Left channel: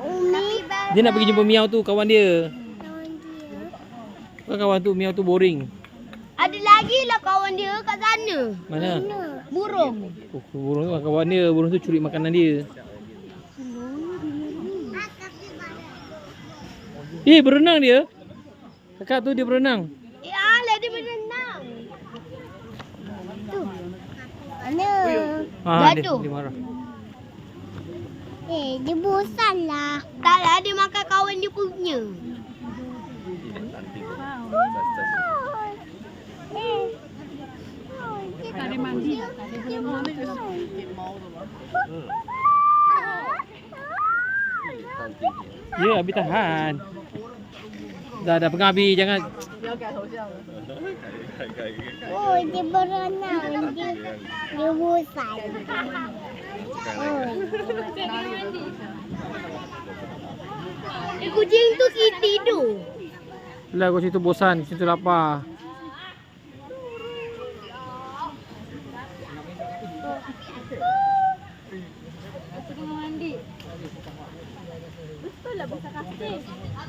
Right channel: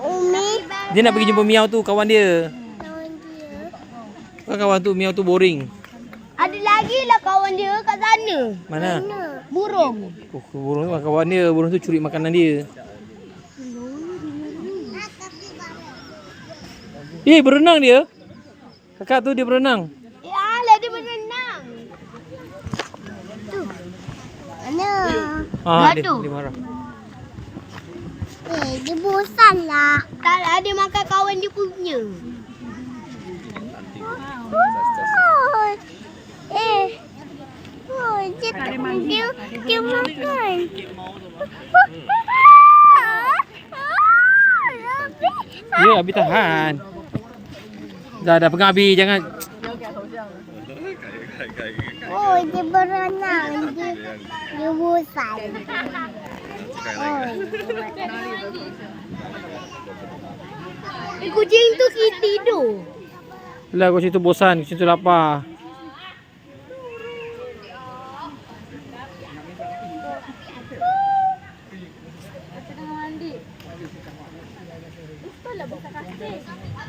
Umi. Dia nak pergi jumpa Miau tu, kawan dia. Kawan dia. Kawan tu, Miau tu boring. Ada lagi lah kawan dia kat sana. Mana? Burung. Oh, burung tu kawan dia. Burung tu curi makanan dia. Berenang dia. Kakak tu dia berenang. Alah dia berenang. Tu. Mana? Dia marah. Dia bosan lah. Tak lah, dia makan kawan dia punya. Dia makan. Ya, Abi tahan. Dah pegang Abi, jangan. Oh, dia berenang. Dia bosan. Kucing tu tidur. Lah, kucing tu bosan, kucing tu lapar.